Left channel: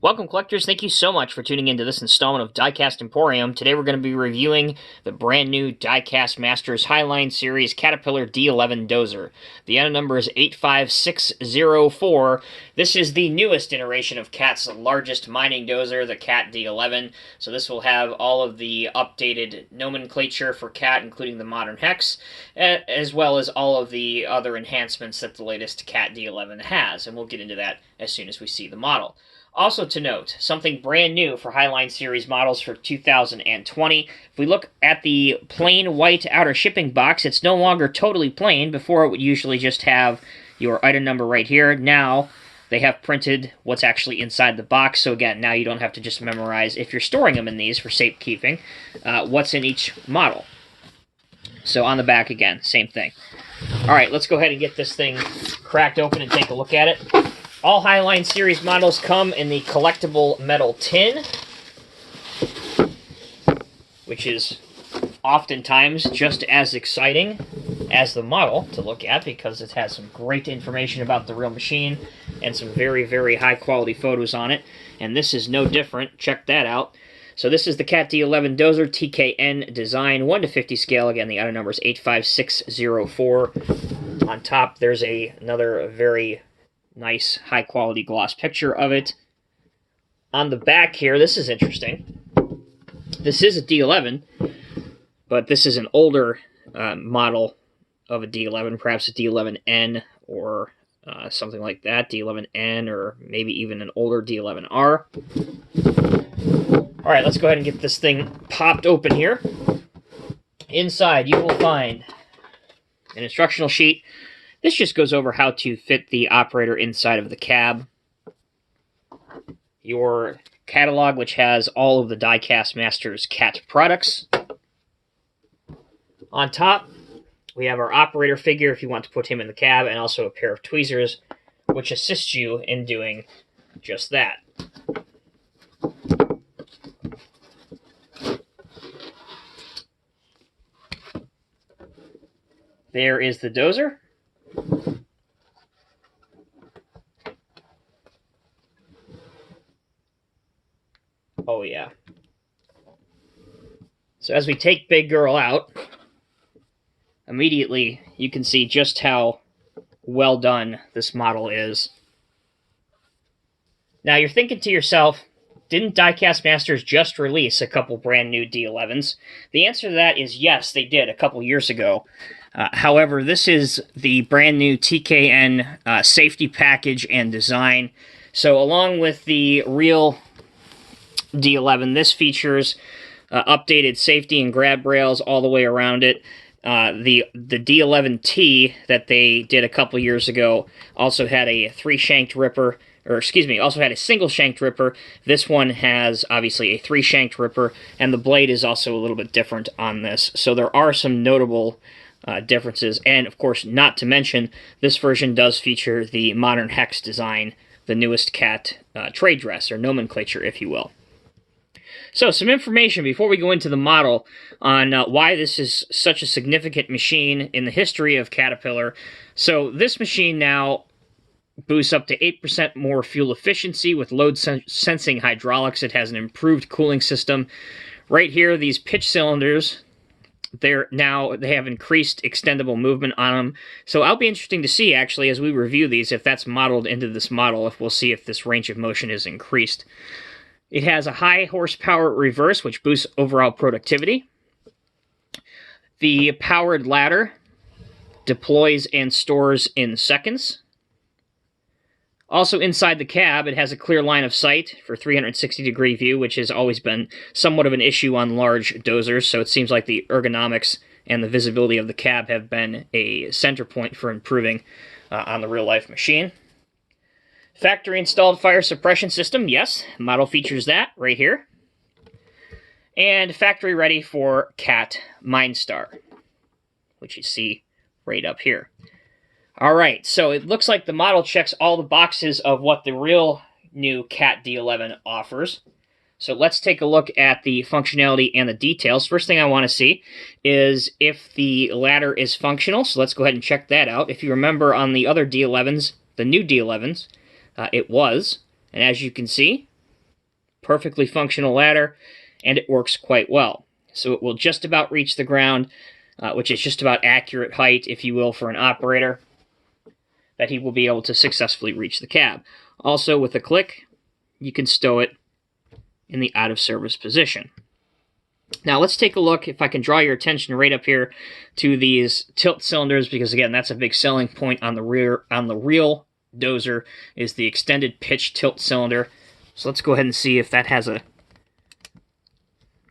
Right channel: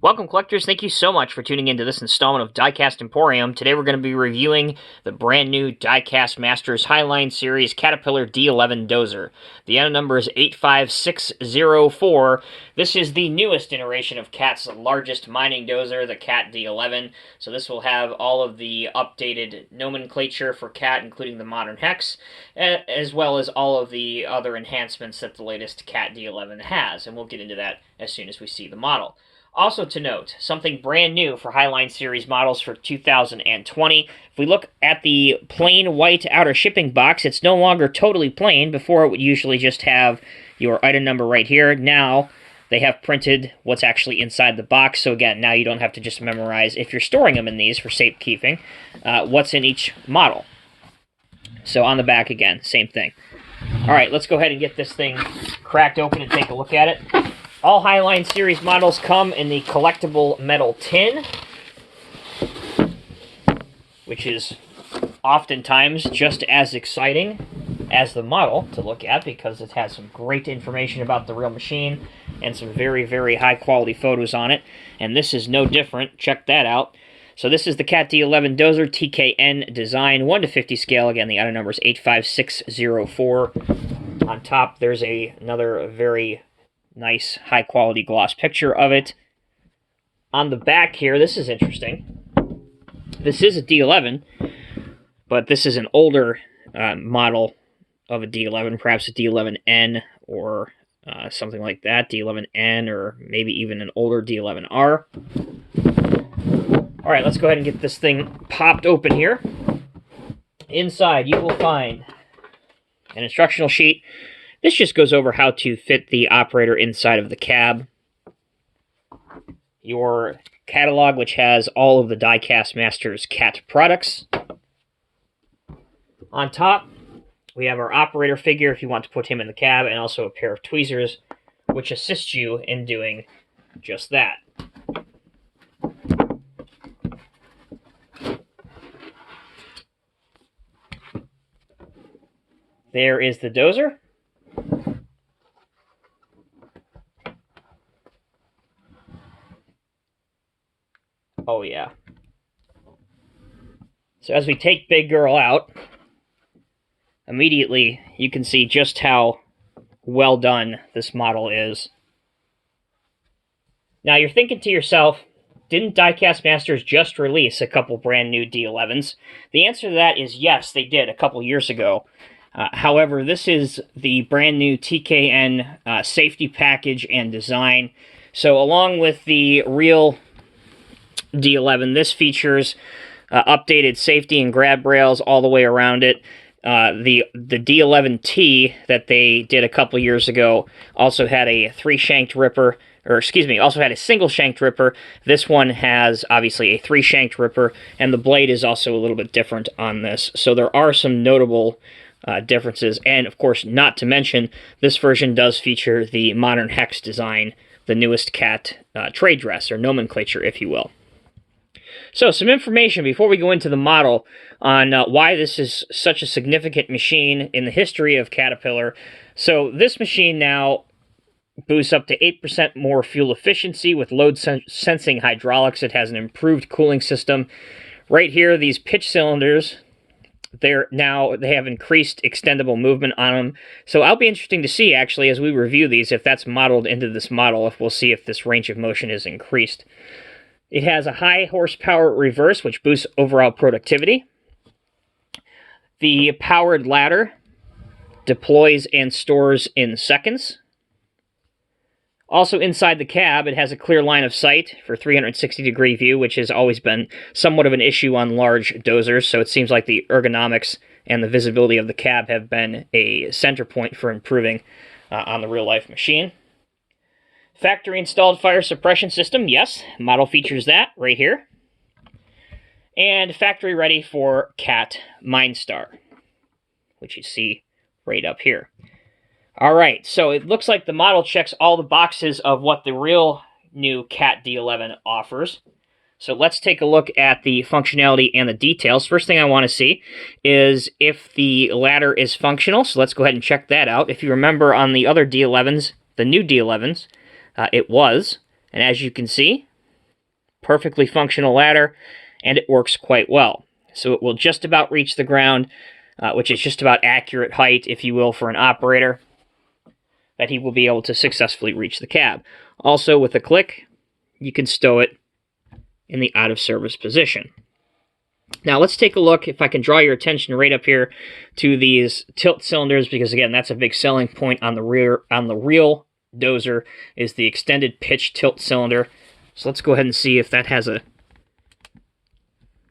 Welcome, collectors. Thank you so much for tuning into this installment of Diecast Emporium. Today we're going to be reviewing the brand new Diecast Masters Highline Series Caterpillar D11 Dozer. The item number is 85604. This is the newest iteration of CAT's largest mining dozer, the CAT D11. So this will have all of the updated nomenclature for CAT, including the modern hex, as well as all of the other enhancements that the latest CAT D11 has. And we'll get into that as soon as we see the model. Also to note, something brand new for Highline Series models for 2020. If we look at the plain white outer shipping box, it's no longer totally plain. Before it would usually just have your item number right here. Now they have printed what's actually inside the box. So again, now you don't have to just memorize, if you're storing them in these for safekeeping, what's in each model. So on the back again, same thing. All right, let's go ahead and get this thing cracked open and take a look at it. All Highline Series models come in the collectible metal tin, which is oftentimes just as exciting as the model to look at because it has some great information about the real machine and some very, very high-quality photos on it. And this is no different. Check that out. So this is the CAT D11 Dozer TKN design, 1:50 scale. Again, the item number is 85604. On top, there's another very nice high-quality gloss picture of it. On the back here, this is interesting. This is a D11, but this is an older model of a D11, perhaps a D11N or something like that, D11N, or maybe even an older D11R. All right, let's go ahead and get this thing popped open here. Inside, you will find an instructional sheet. This just goes over how to fit the operator inside of the cab. Your catalog, which has all of the Diecast Masters CAT products. On top, we have our operator figure if you want to put him in the cab, and also a pair of tweezers, which assist you in doing just that. There is the dozer. Oh, yeah. So as we take Big Girl out, immediately you can see just how well done this model is. Now you're thinking to yourself, didn't Diecast Masters just release a couple brand new D11s? The answer to that is yes, they did a couple years ago. However, this is the brand new TKN safety package and design. So along with the real D11, this features updated safety and grab rails all the way around it. The D11T that they did a couple years ago also had a three-shanked ripper, or excuse me, also had a single-shanked ripper. This one has obviously a three-shanked ripper, and the blade is also a little bit different on this. So there are some notable differences, and of course, not to mention, this version does feature the modern hex design, the newest CAT trade dress, or nomenclature, if you will. So, some information before we go into the model on why this is such a significant machine in the history of Caterpillar. So, this machine now boosts up to 8% more fuel efficiency with load-sensing hydraulics. It has an improved cooling system. Right here, these pitch cylinders, they have increased extendable movement on them. So, I'll be interesting to see, actually, as we review these, if that's modeled into this model, if we'll see if this range of motion is increased. It has a high horsepower reverse, which boosts overall productivity. The powered ladder deploys and stores in seconds. Also inside the cab, it has a clear line of sight for 360-degree view, which has always been somewhat of an issue on large dozers, so it seems like the ergonomics and the visibility of the cab have been a center point for improving on the real-life machine. Factory-installed fire suppression system, yes, model features that right here. And factory-ready for CAT MineStar, which you see right up here. All right, so it looks like the model checks all the boxes of what the real new CAT D11 offers. So let's take a look at the functionality and the details. First thing I want to see is if the ladder is functional, so let's go ahead and check that out. If you remember on the other D11s, the new D11s, it was, and as you can see, perfectly functional ladder, and it works quite well. So it will just about reach the ground, which is just about accurate height, if you will, for an operator, that he will be able to successfully reach the cab. Also, with a click, you can stow it in the out-of-service position. Now let's take a look, if I can draw your attention right up here to these tilt cylinders, because again, that's a big selling point on the real Dozer, is the extended pitch tilt cylinder. So let's go ahead and see if that has a...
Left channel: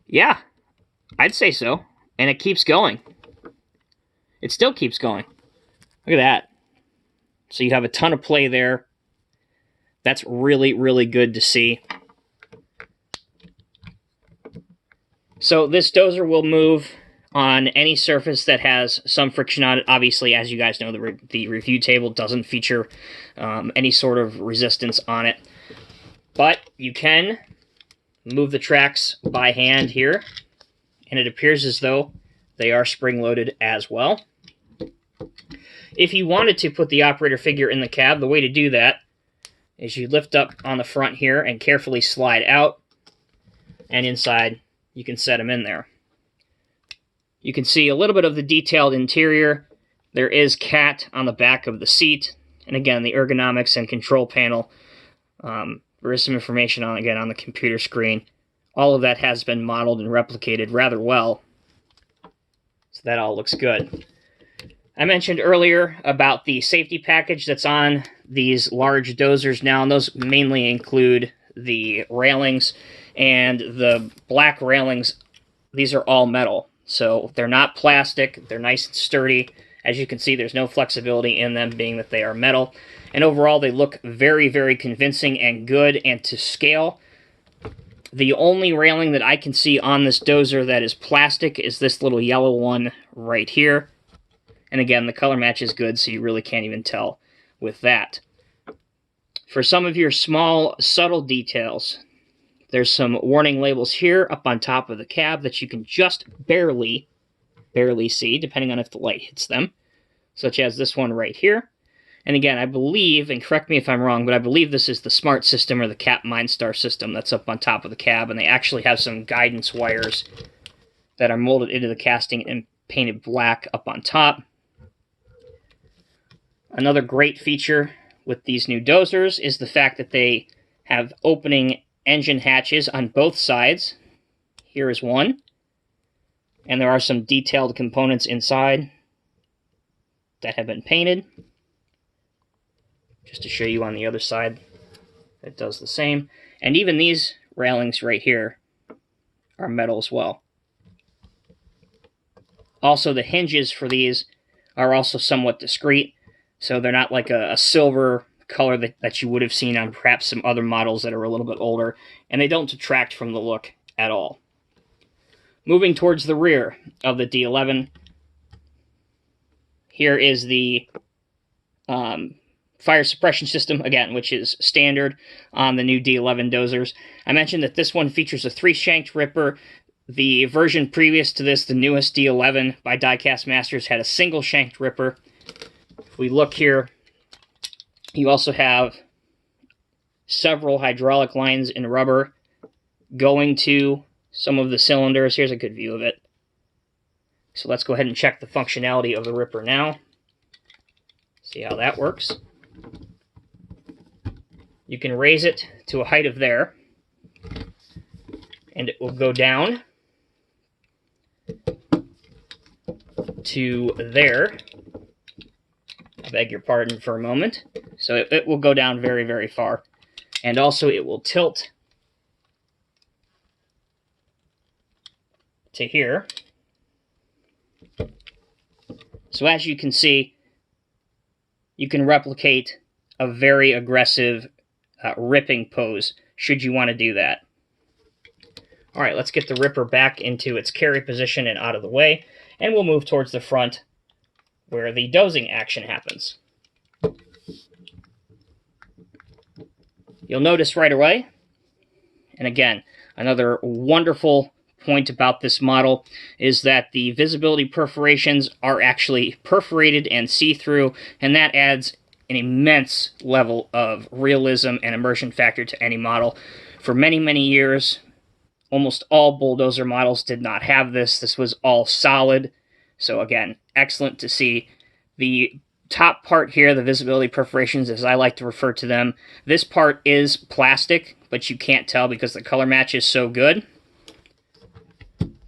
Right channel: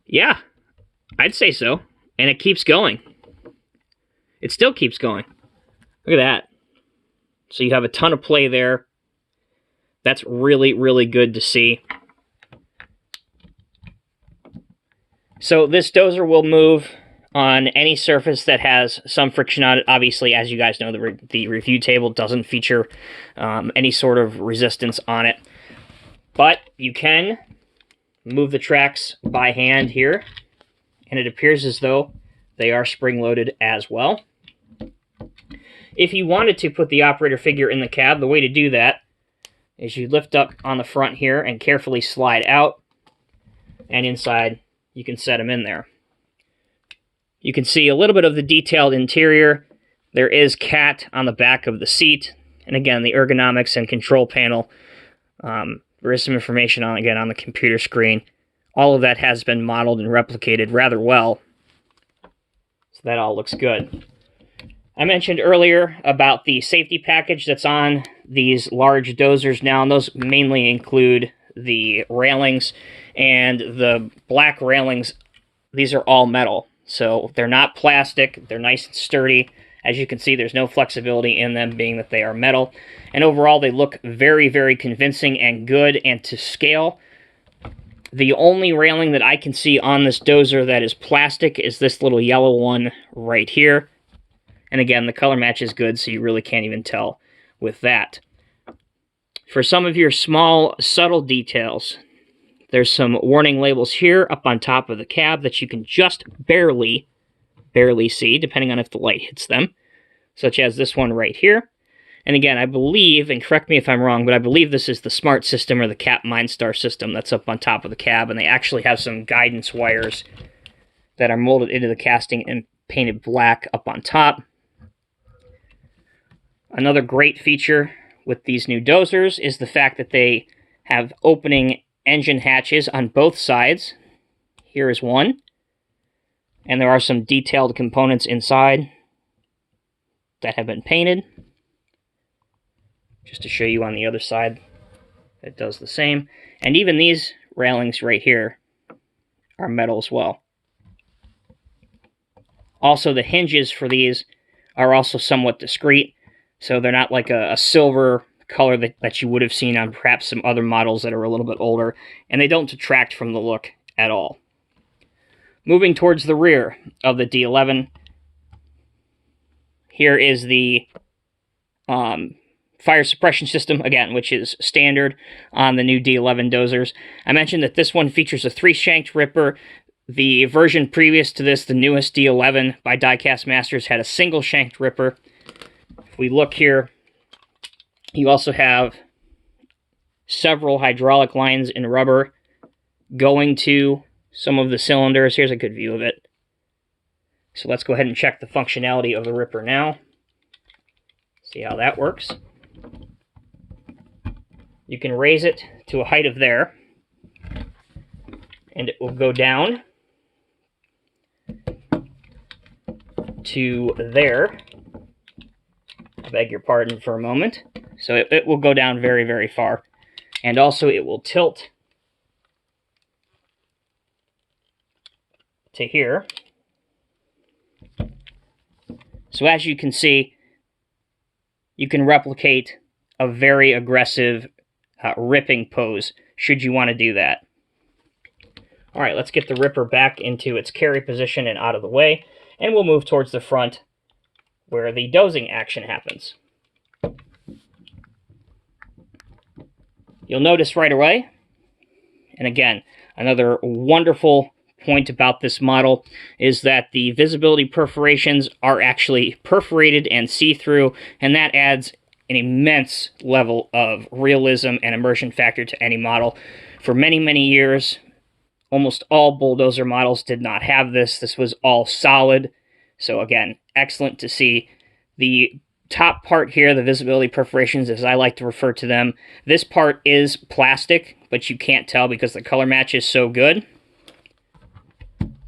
Yeah, I'd say so. And it keeps going. It still keeps going. Look at that. So you have a ton of play there. That's really, really good to see. So this Dozer will move on any surface that has some friction on it. Obviously, as you guys know, the review table doesn't feature any sort of resistance on it. But you can move the tracks by hand here, and it appears as though they are spring-loaded as well. If you wanted to put the operator figure in the cab, the way to do that is you lift up on the front here and carefully slide out, and inside you can set them in there. You can see a little bit of the detailed interior. There is cat on the back of the seat, and again, the ergonomics and control panel. There is some information on the computer screen. All of that has been modeled and replicated rather well, so that all looks good. I mentioned earlier about the safety package that's on these large Dozers now, and those mainly include the railings. And the black railings, these are all metal. So they're not plastic, they're nice and sturdy. As you can see, there's no flexibility in them, being that they are metal. And overall, they look very, very convincing and good and to scale. The only railing that I can see on this Dozer that is plastic is this little yellow one right here. And again, the color match is good, so you really can't even tell with that. For some of your small, subtle details, there's some warning labels here up on top of the cab that you can just barely see, depending on if the light hits them, such as this one right here. And again, I believe, and correct me if I'm wrong, but I believe this is the Smart System or the Cap MindStar system that's up on top of the cab, and they actually have some guidance wires that are molded into the casting and painted black up on top. Another great feature with these new Dozers is the fact that they have opening engine hatches on both sides. Here is one, and there are some detailed components inside that have been painted. Just to show you on the other side, it does the same. And even these railings right here are metal as well. Also, the hinges for these are also somewhat discreet, so they're not like a silver color that you would have seen on perhaps some other models that are a little bit older, and they don't detract from the look at all. Moving towards the rear of the D11, here is the fire suppression system, again, which is standard on the new D11 Dozers. I mentioned that this one features a 3-shanked ripper. The version previous to this, the newest D11 by Diecast Masters, had a single-shanked ripper. If we look here, you also have several hydraulic lines in rubber going to some of the cylinders. Here's a good view of it. So let's go ahead and check the functionality of the ripper now. See how that works. You can raise it to a height of there, and it will go down to there. I beg your pardon for a moment. So it will go down very, very far. And also it will tilt to here. So as you can see, you can replicate a very aggressive ripping pose, should you want to do that. All right, let's get the ripper back into its carry position and out of the way, and we'll move towards the front where the dozing action happens. You'll notice right away, and again, another wonderful point about this model is that the visibility perforations are actually perforated and see-through, and that adds an immense level of realism and immersion factor to any model. For many, many years, almost all bulldozer models did not have this. This was all solid. So again, excellent to see. The top part here, the visibility perforations, as I like to refer to them, this part is plastic, but you can't tell because the color match is so good.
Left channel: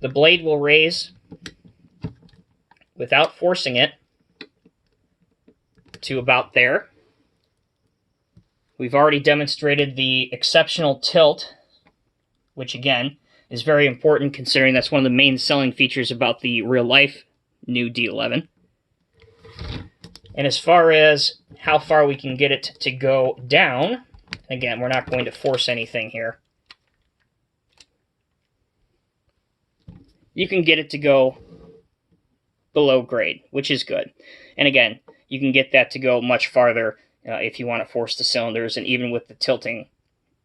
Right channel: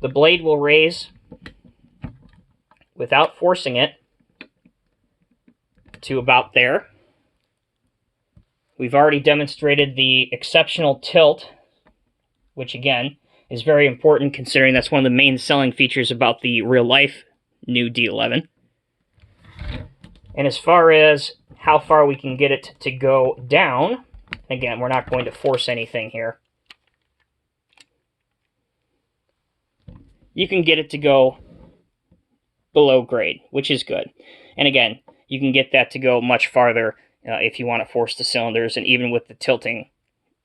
The blade will raise without forcing it to about there. We've already demonstrated the exceptional tilt, which again is very important considering that's one of the main selling features about the real-life new D11. And as far as how far we can get it to go down, again, we're not going to force anything here. You can get it to go below grade, which is good. And again, you can get that to go much farther if you want to force the cylinders, and even with the tilting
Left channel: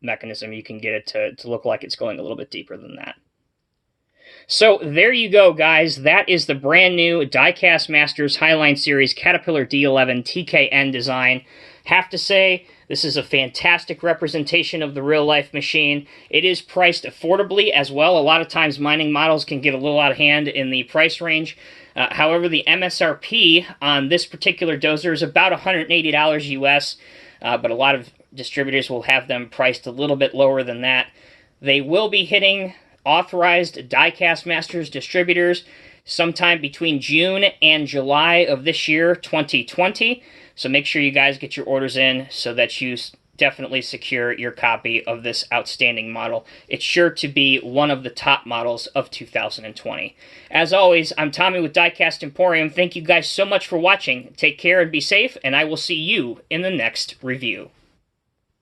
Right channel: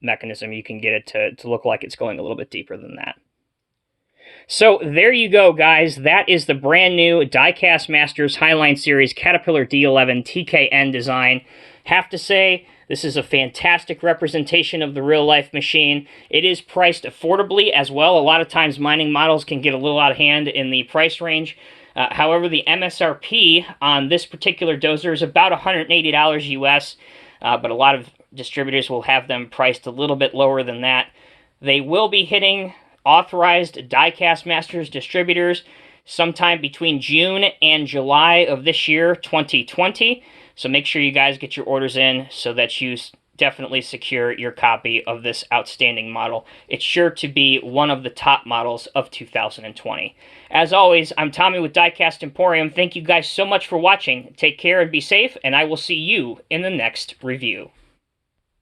mechanism, you can get it to look like it's going a little bit deeper than that. So there you go, guys. That is the brand new Diecast Masters Highline Series Caterpillar D11 TKN design. Have to say, this is a fantastic representation of the real-life machine. It is priced affordably as well. A lot of times mining models can get a little out of hand in the price range. However, the MSRP on this particular dozer is about $180 US, but a lot of distributors will have them priced a little bit lower than that. They will be hitting authorized Diecast Masters distributors sometime between June and July of this year, 2020. So make sure you guys get your orders in so that you definitely secure your copy of this outstanding model. It's sure to be one of the top models of 2020. As always, I'm Tommy with Diecast Emporium. Thank you guys so much for watching. Take care and be safe, and I will see you in the next review.